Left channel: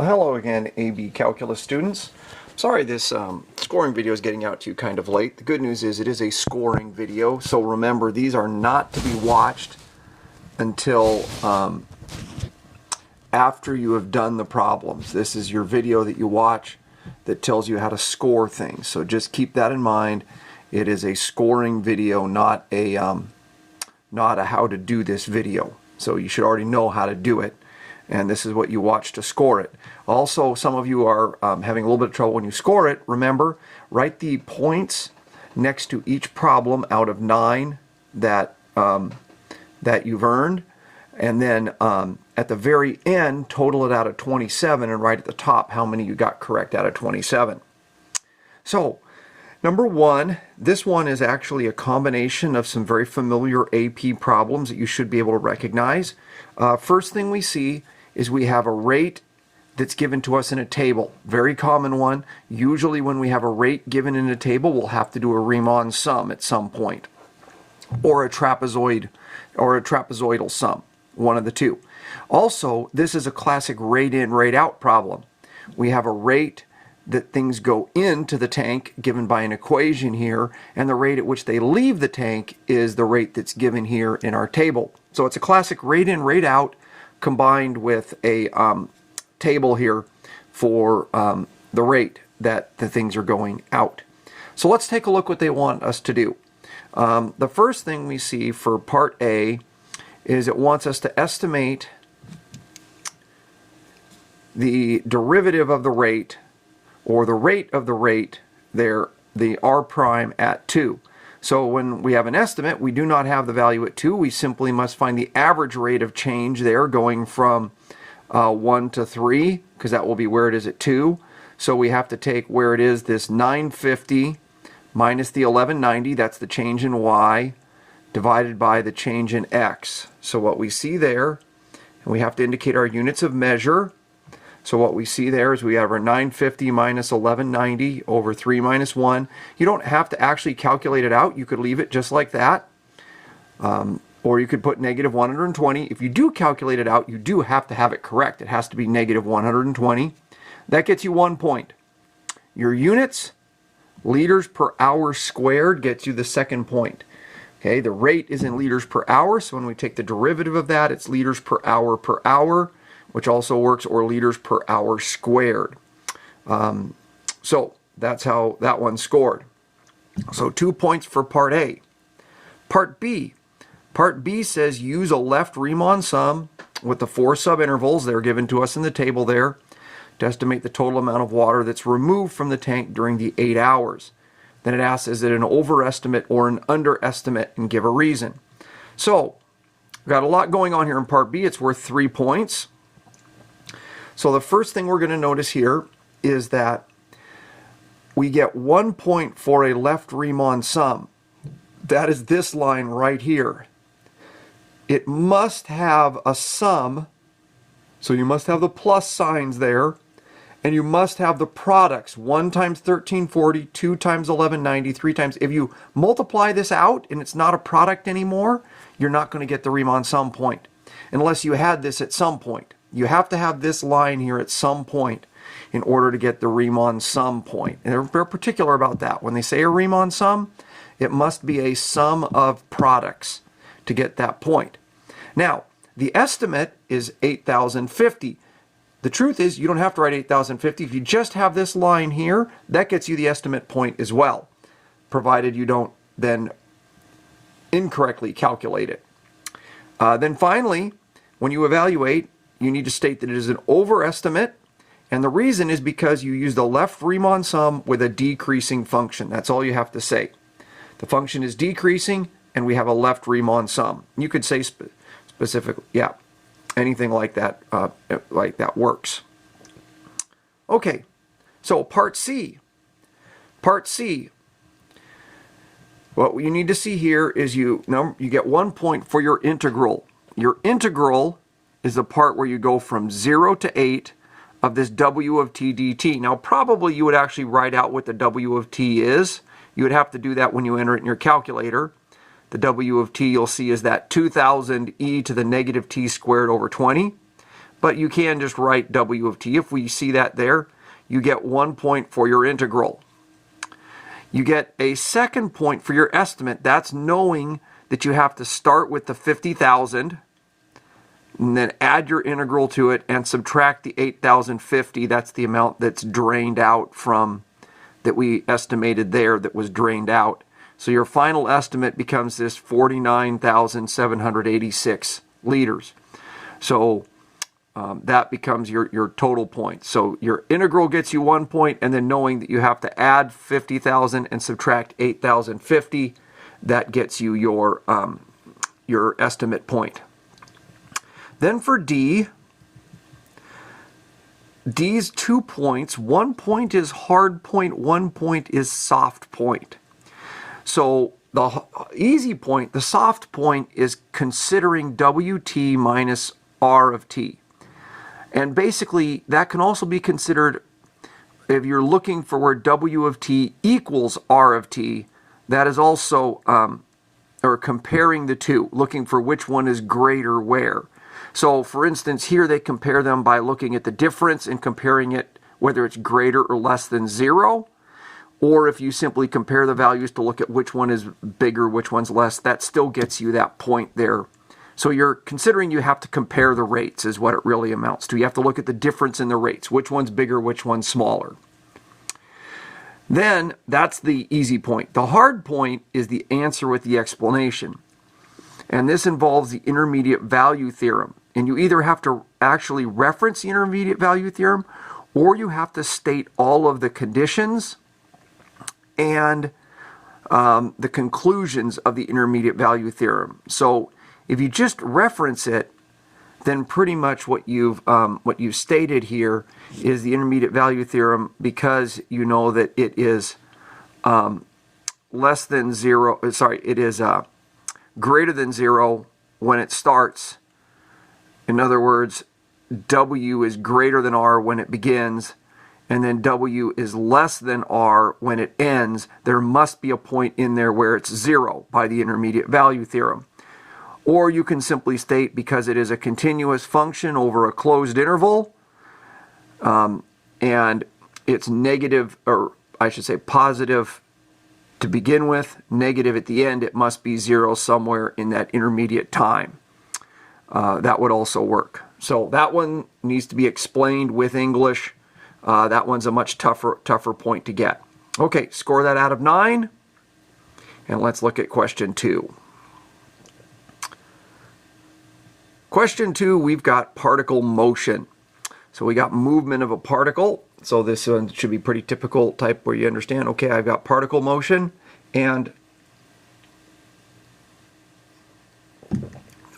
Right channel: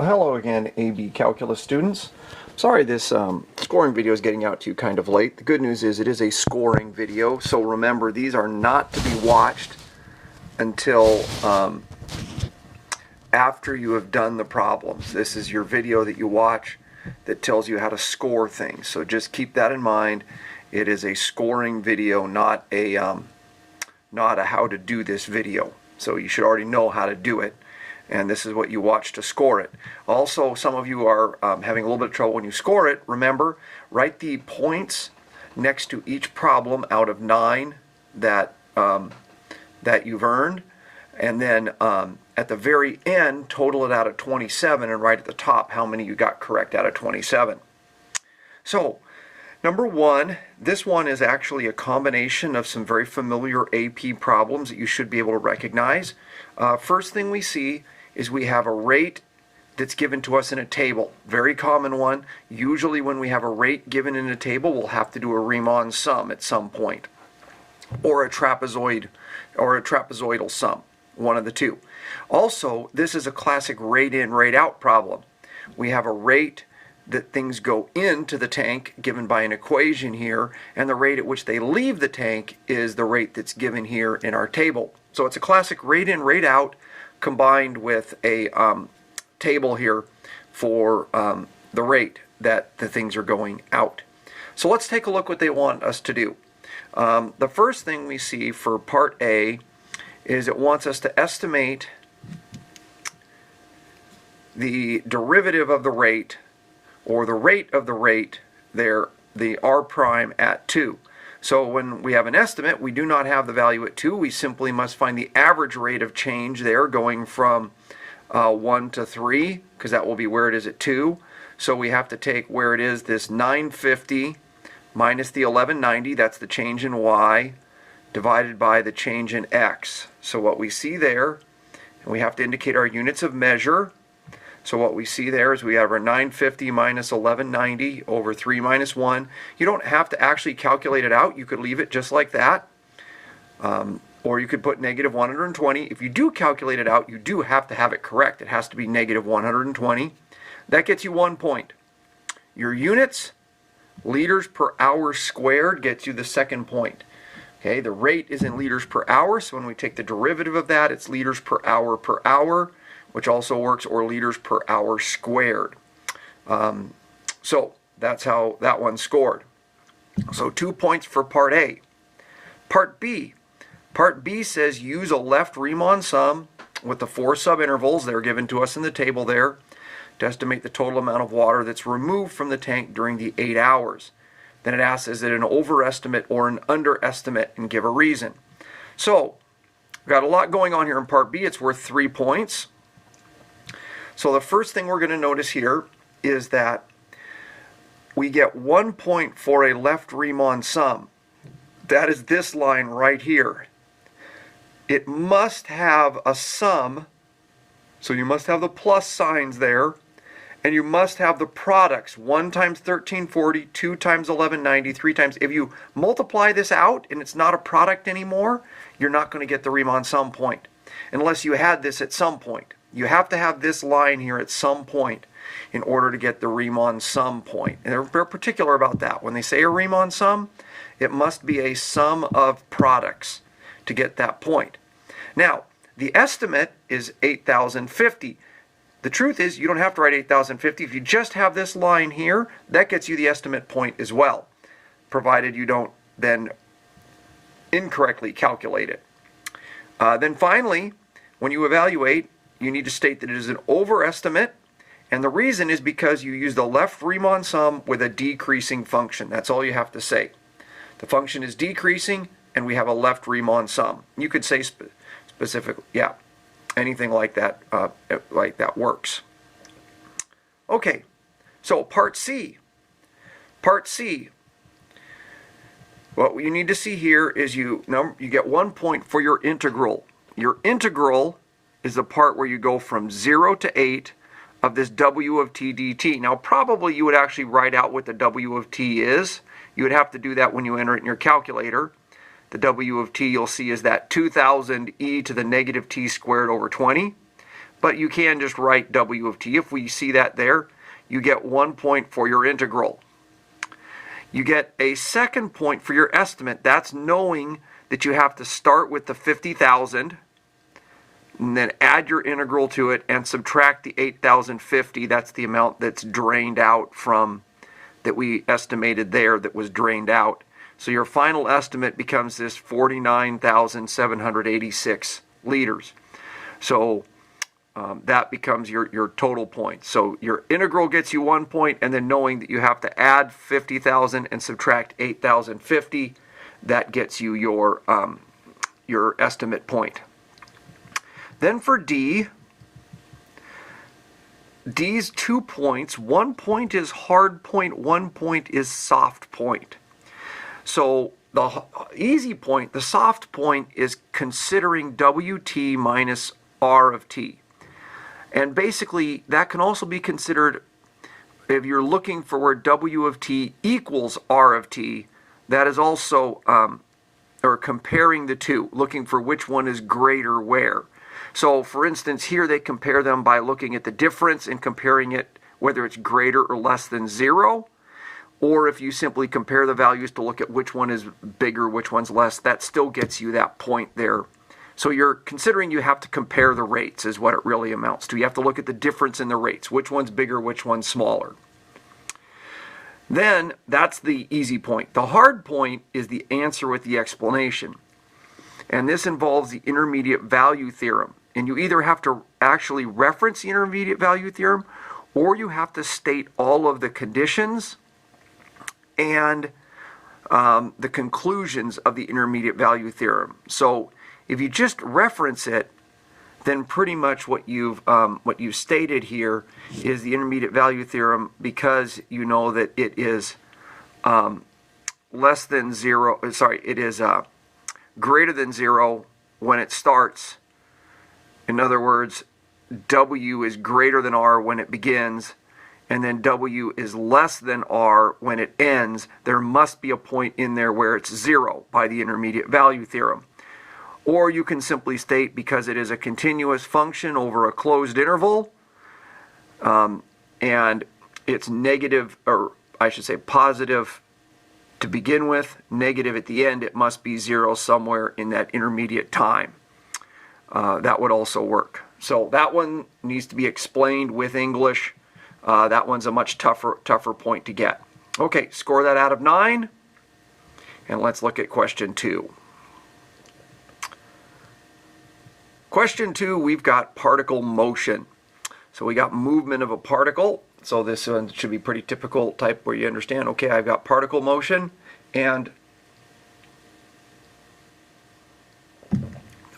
Well, hello again, AB Calculus students. Sorry this scoring video is getting out to you kind of late. The good news is it is a scoring video, so remember these are not to be watched until after you have done the problems. This is your video that you watch that tells you how to score things, so just keep that in mind. It is a scoring video, not a how to do this video. So you should already know how to do it, and this is what you watch to score it. Also, some of you are having a little bit of trouble when you score it. Remember, write the points next to each problem out of 9 that you've earned, and then at the very end, total it out of 27, and write at the top how many you got correct out of 27. So, number 1, this one is actually a combination of some very familiar AP problems that you should be able to recognize. First thing we see is we have a rate that's given to us in a table. Very common one. Usually when we have a rate given in a table, we'll have to do a Riemann sum at some point, or a trapezoid, or a trapezoidal sum, one of the two. Also, this is a classic rate in, rate out problem. We have a rate that things go into the tank given by an equation here, and the rate at which they leave the tank is the rate that's given here in our table. So it's a classic rate in, rate out combined with a table here for the rate that the things are going out. So let's take a look what they want us to do. The first thing we see for part A is it wants us to estimate the derivative of the rate, or the rate of the rate there, the r prime at 2. So when we have an estimate, we do not have the value at 2. We simply must find the average rate of change there going from 1 to 3, because that will be where it is at 2. So we have to take where it is, this 950 minus the 1190, that's the change in y, divided by the change in x. So what we see there, and we have to indicate our units of measure. So what we see there is we have our 950 minus 1190 over 3 minus 1. You don't have to actually calculate it out. You could leave it just like that. Or you could put negative 120. If you do calculate it out, you do have to have it correct. It has to be negative 120. That gets you 1 point. Your units, liters per hour squared, gets you the second point. Okay, the rate is in liters per hour, so when we take the derivative of that, it's liters per hour, which also works, or liters per hour squared. So that's how that one scored. So 2 points for part A. Part B. Part B says use a left Riemann sum with the 4 subintervals that are given to us in the table there to estimate the total amount of water that's removed from the tank during the 8 hours. Then it asks, is it an overestimate or an underestimate, and give a reason. So we've got a lot going on here in part B. It's worth 3 points. So the first thing we're going to notice here is that we get 1 point for a left Riemann sum. That is this line right here. It must have a sum, so you must have the plus signs there, and you must have the products, 1 times 1340, 2 times 1190, 3 times. If you multiply this out and it's not a product anymore, you're not going to get the Riemann sum point, unless you had this at some point. You have to have this line here at some point in order to get the Riemann sum point. And they're very particular about that. When they say a Riemann sum, it must be a sum of products to get that point. Now, the estimate is 8,050. The truth is, you don't have to write 8,050. If you just have this line here, that gets you the estimate point as well, provided you don't then incorrectly calculate it. Then finally, when you evaluate, you need to state that it is an overestimate, and the reason is because you use the left Riemann sum with a decreasing function. That's all you have to say. The function is decreasing, and we have a left Riemann sum. You could say specifically, yeah, anything like that works. Okay, so part C. Part C. What you need to see here is you get 1 point for your integral. Your integral is the part where you go from 0 to 8 of this w of t dt. Now, probably you would actually write out what the w of t is. You would have to do that when you enter it in your calculator. The w of t you'll see is that 2000 e to the negative t squared over 20. but you can just write W of t. If we see that there, you get 1 point for your integral. You get a second point for your estimate. That's knowing that you have to start with the 50,000 and then add your integral to it and subtract the 8,050. That's the amount that's drained out from, that we estimated there, that was drained out. So your final estimate becomes this 49,786 liters. So that becomes your total point. So your integral gets you 1 point, and then knowing that you have to add 50,000 and subtract 8,050, that gets you your estimate point. Then for D, D's 2 points. 1 point is hard point, 1 point is soft point. So the easy point, the soft point, is considering WT minus R of t. And basically, that can also be considered if you're looking for where W of t equals R of t. That is also, or comparing the two, looking for which one is greater where. So, for instance, here they compare them by looking at the difference and comparing it whether it's greater or less than 0. Or if you simply compare the values to look at which one is bigger, which one's less, that still gets you that point there. So you're considering you have to compare the rates is what it really amounts to. You have to look at the difference in the rates. Which one's bigger, which one's smaller. Then that's the easy point. The hard point is the answer with the explanation. And this involves the intermediate value theorem. And you either have to actually reference the intermediate value theorem, or you have to state all of the conditions and the conclusions of the intermediate value theorem. So if you just reference it, then pretty much what you've stated here is the intermediate value theorem, because you know that it is less than 0. Sorry, it is greater than 0 when it starts. In other words, W is greater than R when it begins, and then W is less than R when it ends. There must be a point in there where it's 0 by the intermediate value theorem. Or you can simply state, because it is a continuous function over a closed interval, and it's negative, or I should say positive to begin with, negative at the end, it must be 0 somewhere in that intermediate time. That would also work. So that one needs to be explained with English. That one's a much tougher point to get. Okay, score that out of 9. And let's look at question 2. Question 2, we've got particle motion. So we got movement of a particle. So this one should be pretty typical type where you understand, okay, I've got particle motion, and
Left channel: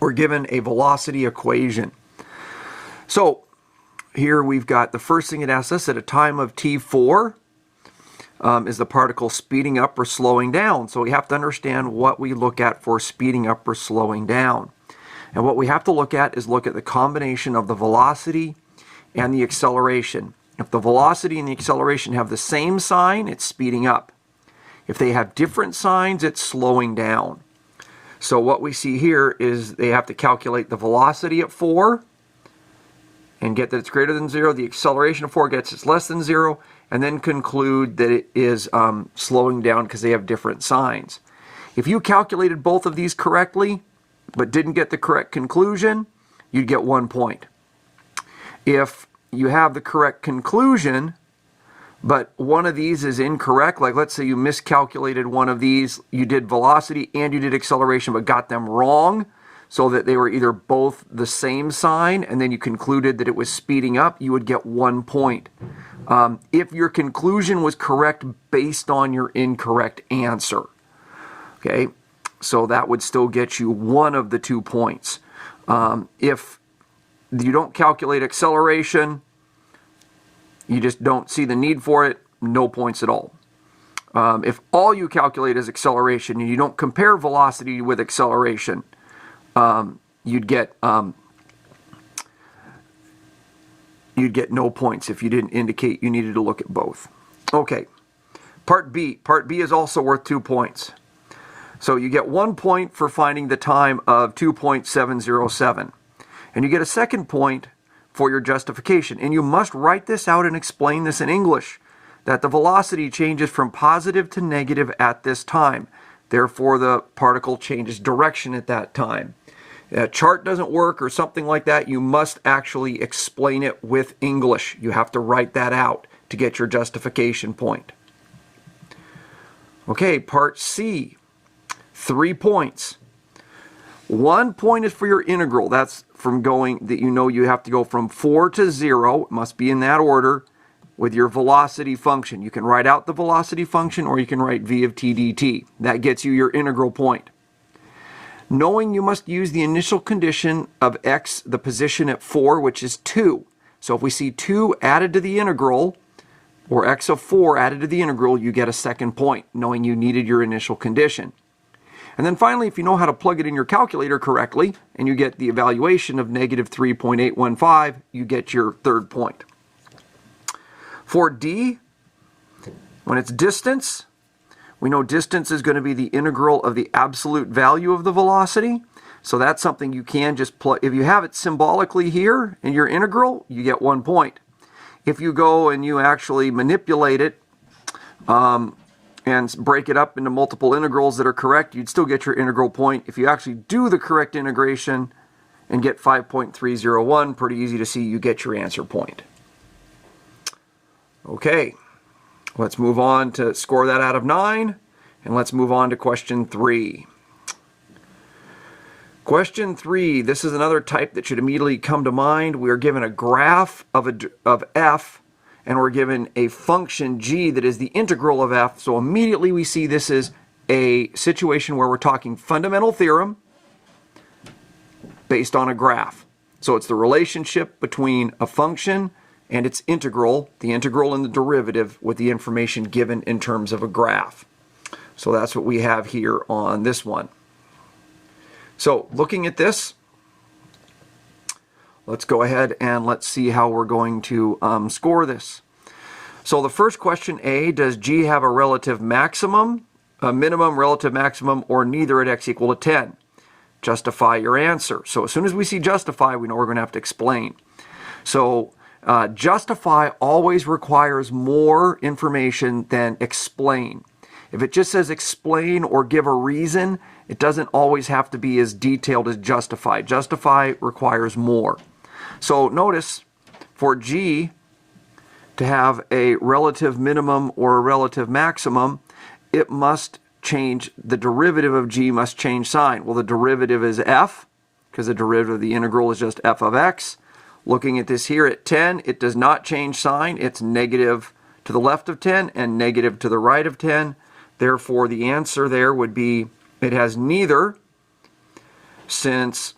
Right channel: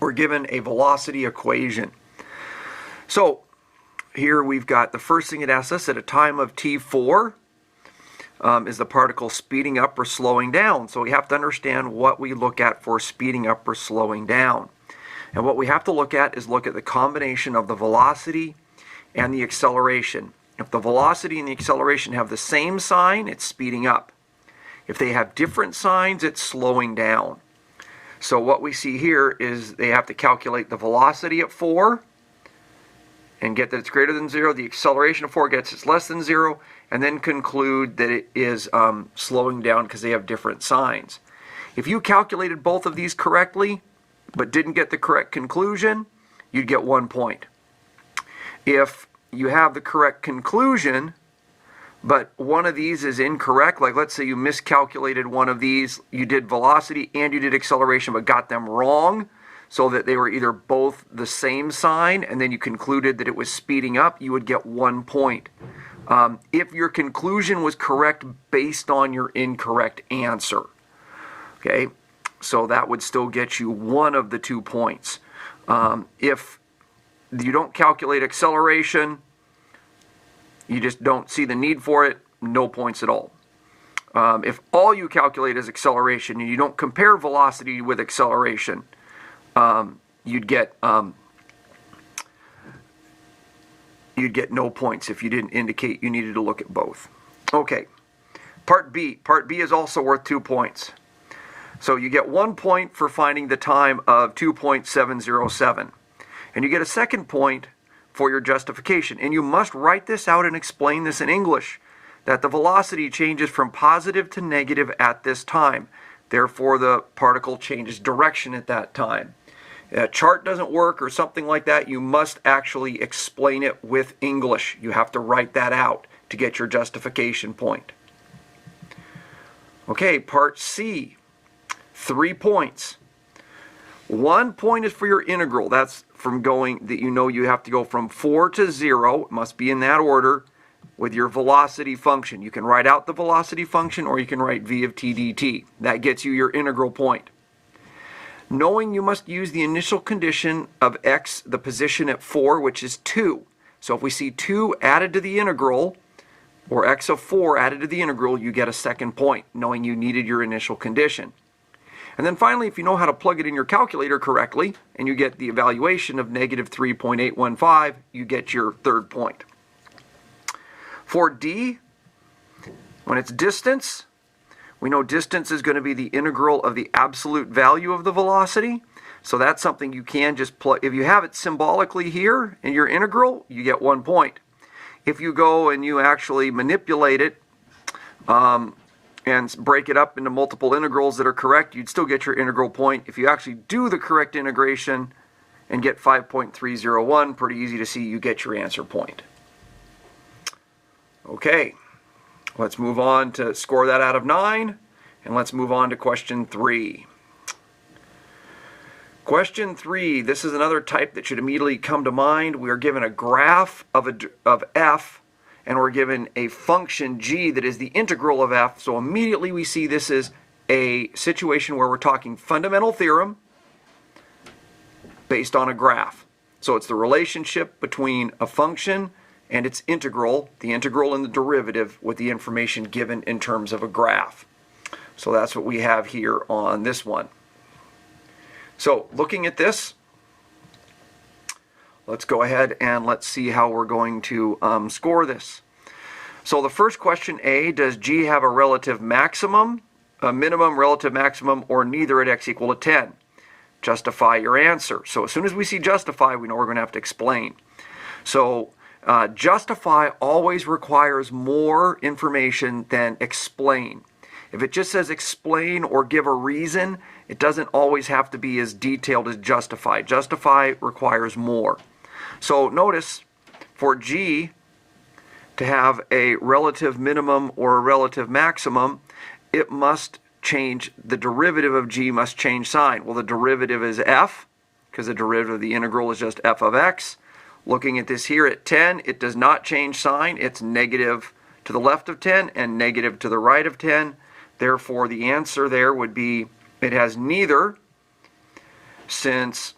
we're given a velocity equation. So here we've got the first thing it asks us, at a time of t4, is the particle speeding up or slowing down? So we have to understand what we look at for speeding up or slowing down. And what we have to look at is look at the combination of the velocity and the acceleration. If the velocity and the acceleration have the same sign, it's speeding up. If they have different signs, it's slowing down. So what we see here is they have to calculate the velocity at 4 and get that it's greater than 0. The acceleration of 4 gets it's less than 0, and then conclude that it is slowing down because they have different signs. If you calculated both of these correctly but didn't get the correct conclusion, you'd get 1 point. If you have the correct conclusion, but one of these is incorrect, like let's say you miscalculated one of these, you did velocity and you did acceleration but got them wrong, so that they were either both the same sign and then you concluded that it was speeding up, you would get 1 point. If your conclusion was correct based on your incorrect answer. Okay, so that would still get you one of the 2 points. If you don't calculate acceleration, you just don't see the need for it, no points at all. If all you calculate is acceleration and you don't compare velocity with acceleration, you'd get no points if you didn't indicate you needed to look at both. Okay, part B. Part B is also worth 2 points. So you get 1 point for finding the time of 2.707. And you get a second point for your justification. And you must write this out and explain this in English, that the velocity changes from positive to negative at this time. Therefore, the particle changes direction at that time. A chart doesn't work or something like that. You must actually explain it with English. You have to write that out to get your justification point. Okay, part C, 3 points. 1 point is for your integral. That's from going, that you know you have to go from 4 to 0. It must be in that order with your velocity function. You can write out the velocity function or you can write v of t dt. That gets you your integral point. Knowing you must use the initial condition of x, the position at 4, which is 2. So if we see 2 added to the integral, or x of 4 added to the integral, you get a second point, knowing you needed your initial condition. And then finally, if you know how to plug it in your calculator correctly, and you get the evaluation of negative 3.815, you get your third point. For D, when it's distance, we know distance is going to be the integral of the absolute value of the velocity. So that's something you can just plug. If you have it symbolically here in your integral, you get 1 point. If you go and you actually manipulate it and break it up into multiple integrals that are correct, you'd still get your integral point. If you actually do the correct integration and get 5.301, pretty easy to see, you get your answer point. Okay, let's move on to score that out of 9, and let's move on to question 3. Question 3, this is another type that should immediately come to mind. We are given a graph of f, and we're given a function g that is the integral of f. So immediately we see this is a situation where we're talking fundamental theorem based on a graph. So it's the relationship between a function and its integral, the integral and the derivative, with the information given in terms of a graph. So that's what we have here on this one. So looking at this, let's go ahead and let's see how we're going to score this. So the first question, A, does G have a relative maximum, a minimum, relative maximum, or neither at x equal to 10? Justify your answer. So as soon as we see justify, we know we're going to have to explain. So justify always requires more information than explain. If it just says explain or give a reason, it doesn't always have to be as detailed as justify. Justify requires more. So notice for G to have a relative minimum or a relative maximum, it must change, the derivative of G must change sign. Well, the derivative is f, because the derivative of the integral is just f of x. Looking at this here at 10, it does not change sign. It's negative to the left of 10 and negative to the right of 10. Therefore, the answer there would be it has neither, since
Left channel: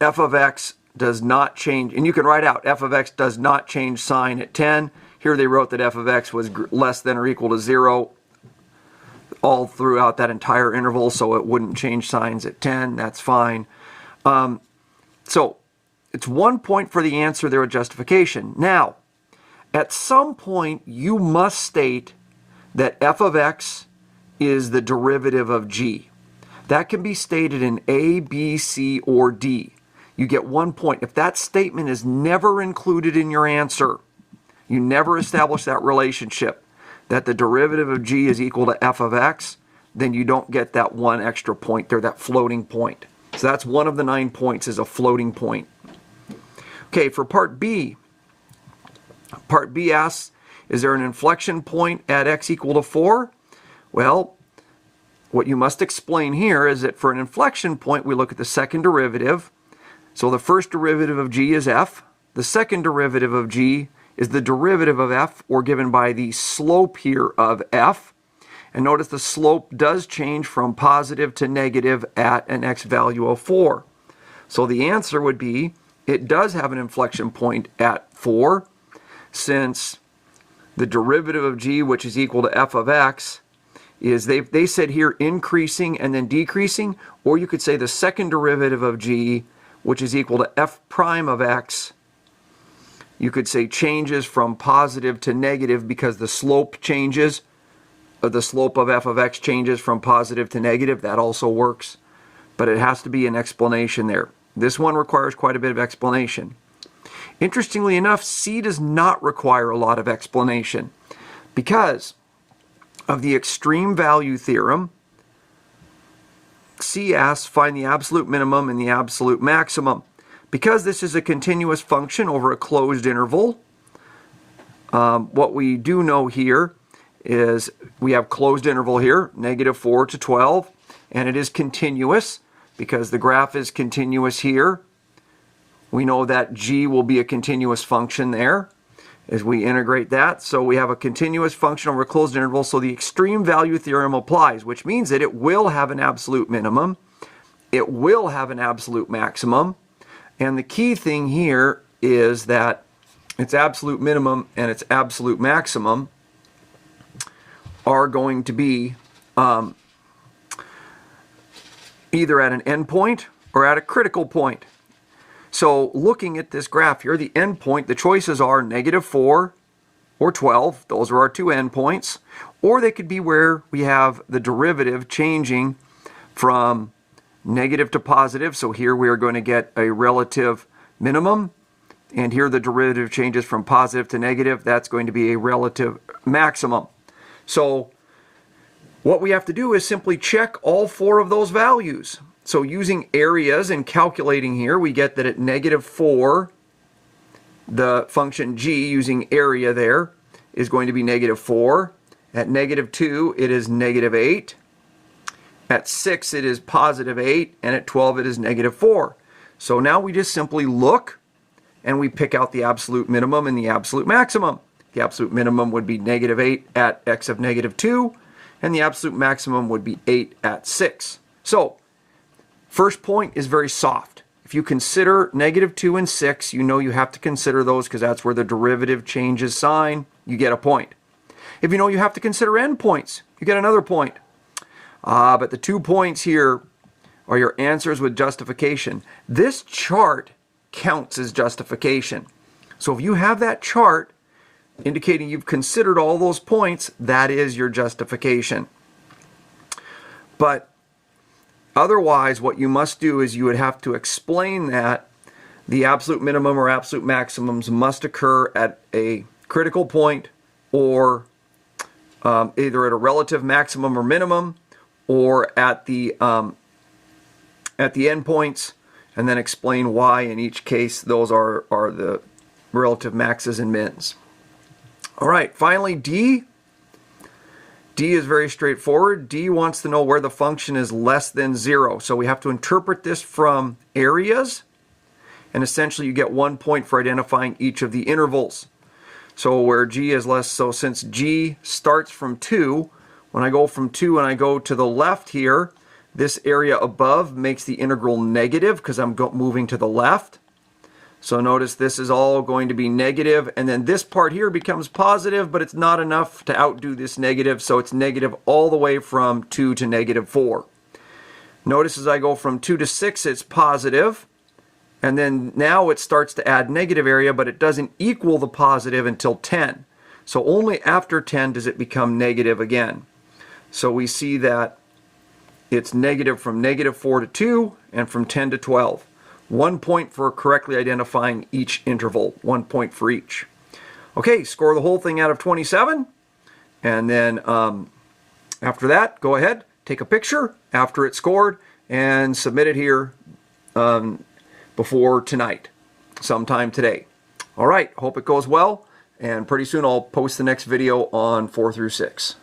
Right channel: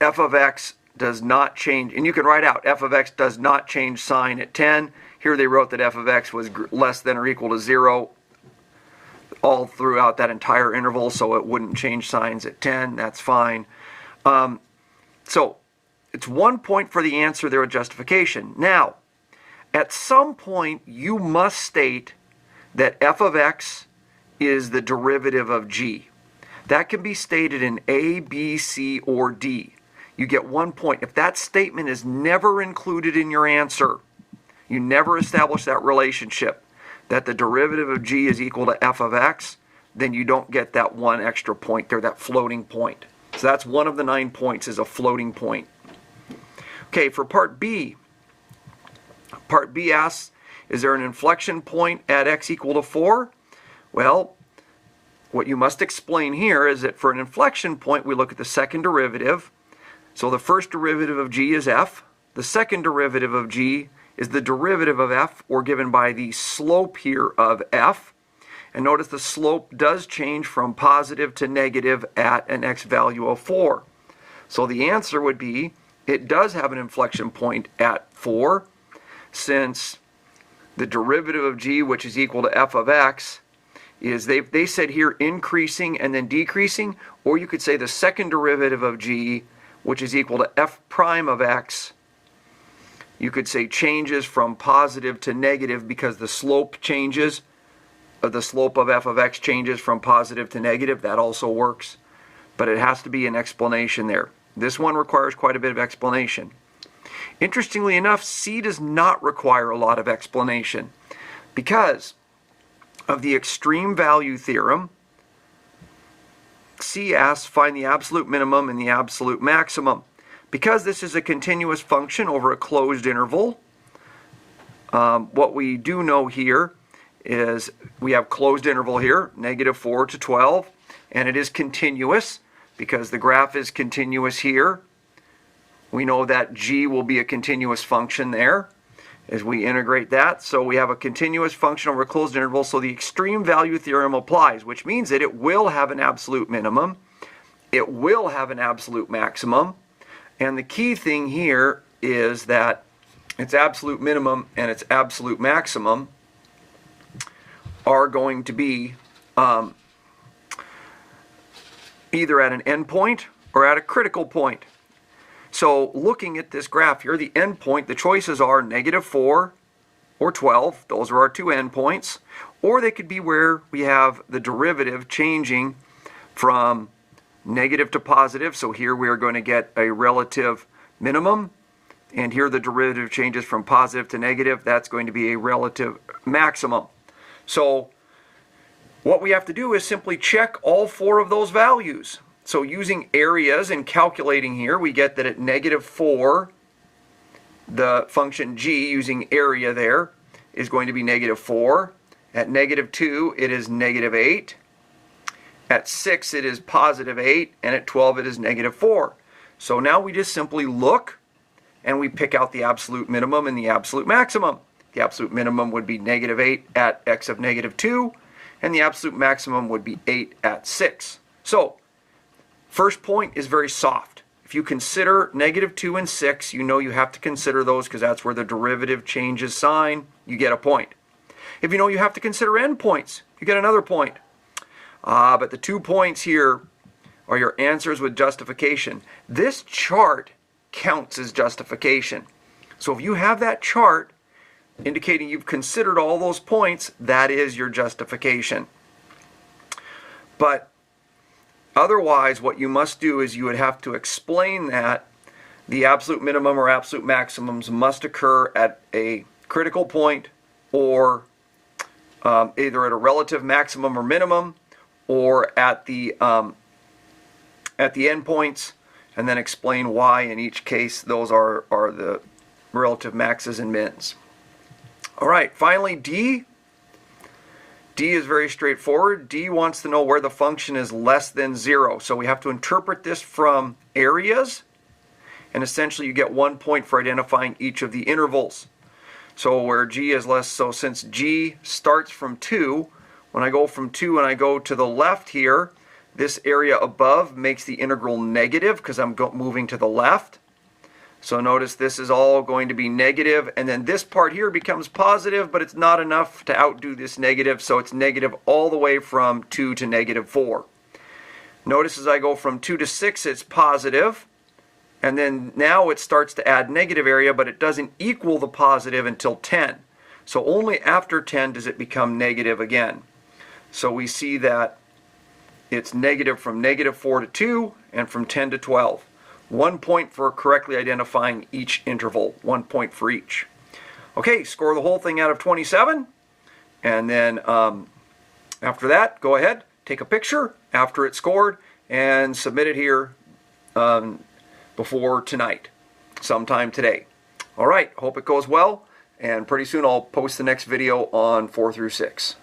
f of x does not change. And you can write out f of x does not change sign at 10. Here they wrote that f of x was less than or equal to 0 all throughout that entire interval, so it wouldn't change signs at 10. That's fine. So it's 1 point for the answer there with justification. Now, at some point, you must state that f of x is the derivative of g. That can be stated in A, B, C, or D. You get 1 point. If that statement is never included in your answer, you never establish that relationship, that the derivative of g is equal to f of x, then you don't get that 1 extra point there, that floating point. So that's one of the 9 points, is a floating point. Okay, for part B asks, is there an inflection point at x equal to 4? Well, what you must explain here is that for an inflection point, we look at the second derivative. So the first derivative of g is f. The second derivative of g is the derivative of f, or given by the slope here of f. And notice the slope does change from positive to negative at an x value of 4. So the answer would be, it does have an inflection point at 4, since the derivative of g, which is equal to f of x, is they said here increasing and then decreasing, or you could say the second derivative of g, which is equal to f prime of x, you could say changes from positive to negative because the slope changes, the slope of f of x changes from positive to negative. That also works, but it has to be an explanation there. This one requires quite a bit of explanation. Interestingly enough, C does not require a lot of explanation because of the extreme value theorem. C asks, find the absolute minimum and the absolute maximum. Because this is a continuous function over a closed interval, what we do know here is we have closed interval here, -4 to 12, and it is continuous because the graph is continuous here. We know that g will be a continuous function there as we integrate that. So we have a continuous function over a closed interval, so the extreme value theorem applies, which means that it will have an absolute minimum, it will have an absolute maximum, and the key thing here is that its absolute minimum and its absolute maximum are going to be either at an endpoint or at a critical point. So looking at this graph here, the endpoint, the choices are -4 or 12. Those are our two endpoints. Or they could be where we have the derivative changing from negative to positive. So here we are going to get a relative minimum. And here the derivative changes from positive to negative. That's going to be a relative maximum. So what we have to do is simply check all four of those values. So using areas and calculating here, we get that at -4, the function g using area there is going to be -4. At -2, it is -8. At 6, it is +8. And at 12, it is -4. So now we just simply look and we pick out the absolute minimum and the absolute maximum. The absolute minimum would be -8 at x of -2, and the absolute maximum would be 8 at 6. So first point is very soft. If you consider -2 and 6, you know you have to consider those because that's where the derivative changes sign. You get a point. If you know you have to consider endpoints, you get another point. But the 2 points here are your answers with justification. This chart counts as justification. So if you have that chart indicating you've considered all those points, that is your justification. But otherwise, what you must do is you would have to explain that the absolute minimum or absolute maximums must occur at a critical point or either at a relative maximum or minimum or at the endpoints, and then explain why in each case those are the relative maxes and mins. All right, finally D. D is very straightforward. D wants to know where the function is less than 0. So we have to interpret this from areas, and essentially you get 1 point for identifying each of the intervals. So where g is less, so since g starts from 2, when I go from 2 and I go to the left here, this area above makes the integral negative because I'm moving to the left. So notice this is all going to be negative, and then this part here becomes positive, but it's not enough to outdo this negative, so it's negative all the way from 2 to -4. Notice as I go from 2 to 6, it's positive, and then now it starts to add negative area, but it doesn't equal the positive until 10. So only after 10 does it become negative again. So we see that it's negative from -4 to 2 and from 10 to 12. 1 point for correctly identifying each interval. 1 point for each. Okay, score the whole thing out of 27. And then after that, go ahead, take a picture after it's scored and submit it here before tonight, sometime today. All right, hope it goes well. And pretty soon I'll post the next video on 4 through 6.